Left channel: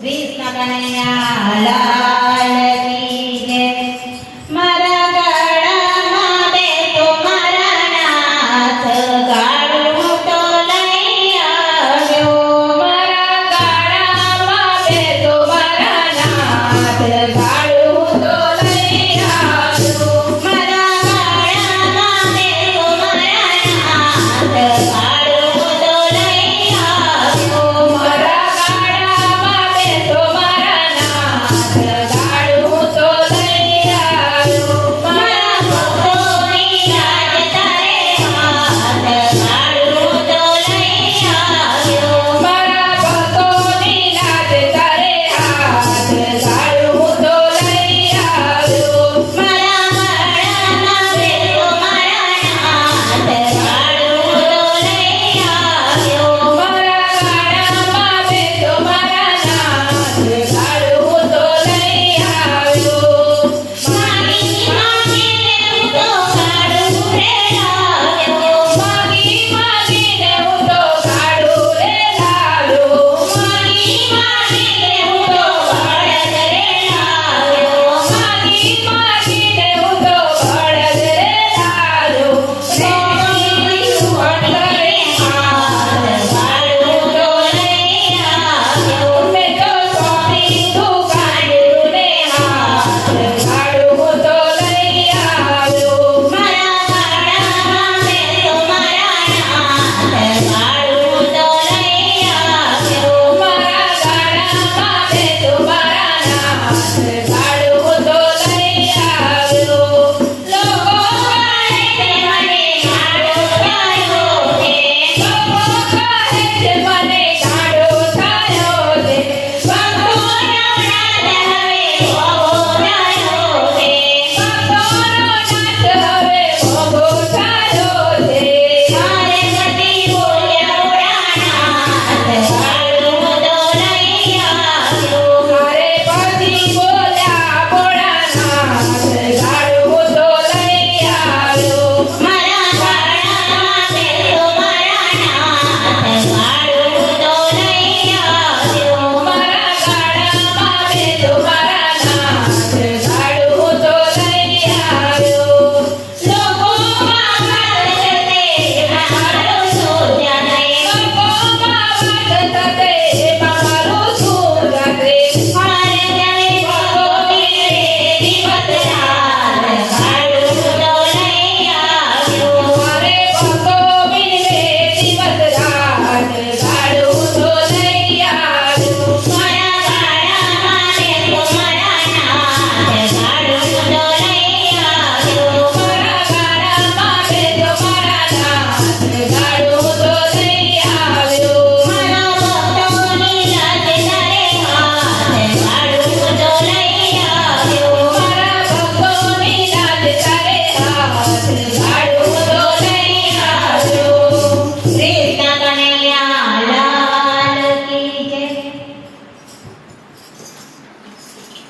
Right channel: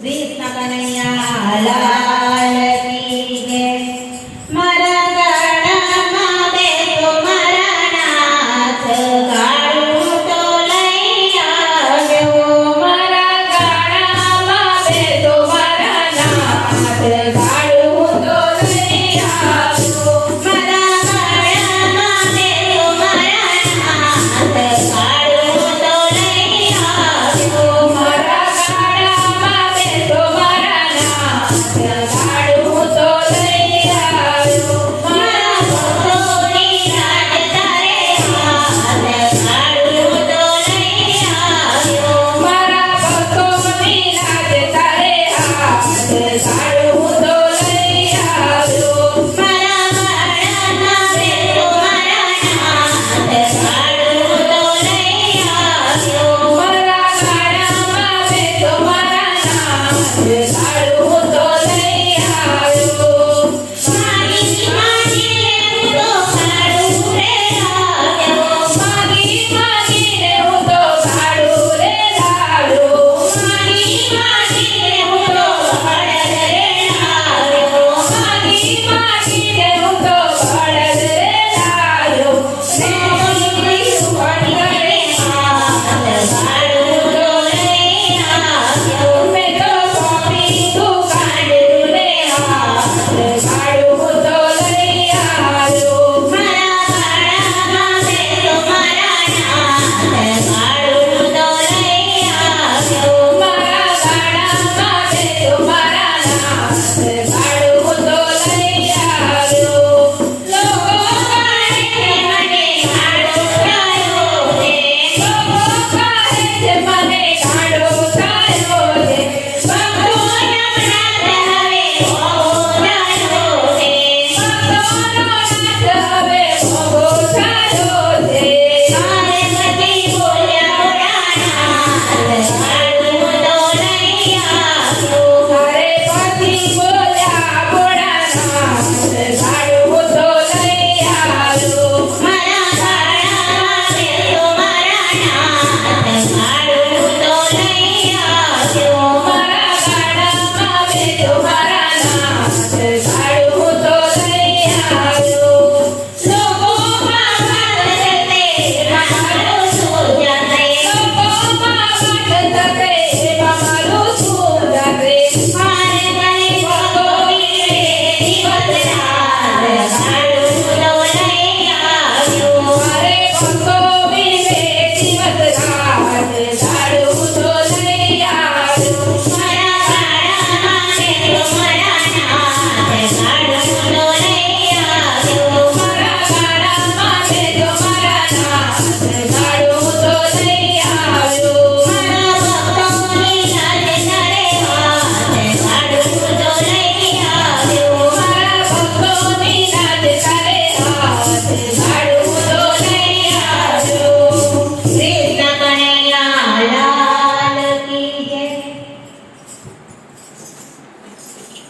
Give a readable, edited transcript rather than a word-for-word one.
कृष्ण कन्हैया लाल की जय। मारा गळाમાં બેસો મારા નાથ, ગાળું તો લઈ આવ્યો। મારા ગળામાં બેસો મારા નાથ, ગાળું તો લઈ આવ્યો। મારા ગળામાં બેસો મારા નાથ, ગાળું તો લઈ આવ્યો। મારા ગળામાં બેસો મારા નાથ, ગાળું તો લઈ આવ્યો। મારા ભક્તોની લાજ તારે હાથ, ગાળું તો લઈ આવ્યો। મારા ભક્તોની લાજ તારે હાથ, ગાળું તો લઈ આવ્યો। મારા ગળામાં બેસો મારા નાથ, ગાળું તો લઈ આવ્યો। મારા ગળામાં બેસો મારા નાથ, ગાળું તો લઈ આવ્યો। માગી માગીને હું તો ગાળું રે લાવ્યો। માગી માગીને હું તો ગાળું રે લાવ્યો। માગી માગીને હું તો બળદ રે લાવ્યો। માગી માગીને હું તો બળદ રે લાવ્યો। રેડી સુવર્ણ રે હાથ, ગાળું તો લઈ આવ્યો। મેં તો સોંપી તું ગાળું રે હાથ, ગાળું તો લઈ આવ્યો। મારા ગળામાં બેસો મારા નાથ, ગાળું તો લઈ આવ્યો। મારા ગળામાં બેસો મારા નાથ, ગાળું તો લઈ આવ્યો। લોકો કહે છે મને ગાળો થયો છે, લોકો કહે છે મને ગાળો થયો છે। ભક્તોનો નાથ હવે ભોગો થયો છે, ભક્તોનો નાથ હવે ભોગો થયો છે। મારે મતી બોલ્યા પ્રાણનાથ, ગાળું તો લઈ આવ્યો। મારે પતિ બોલ્યા ભોળાનાથ, ગાળું તો લઈ આવ્યો। મારા ગળામાં બેસો મારા નાથ, ગાળું તો લઈ આવ્યો। મારા ગળામાં બેસો મારા નાથ, ગાળું તો લઈ આવ્યો। લોકો મારા જતે મારું શું જાતે, લોકો મારા જતે મારું શું જાતે। મારે જાણે ભગોવીને દિવસ રાત, ગાળું તો લઈ આવ્યો। મારે ભગોવીને દિવસ રાત, ગાળું તો લઈ આવ્યો। મારા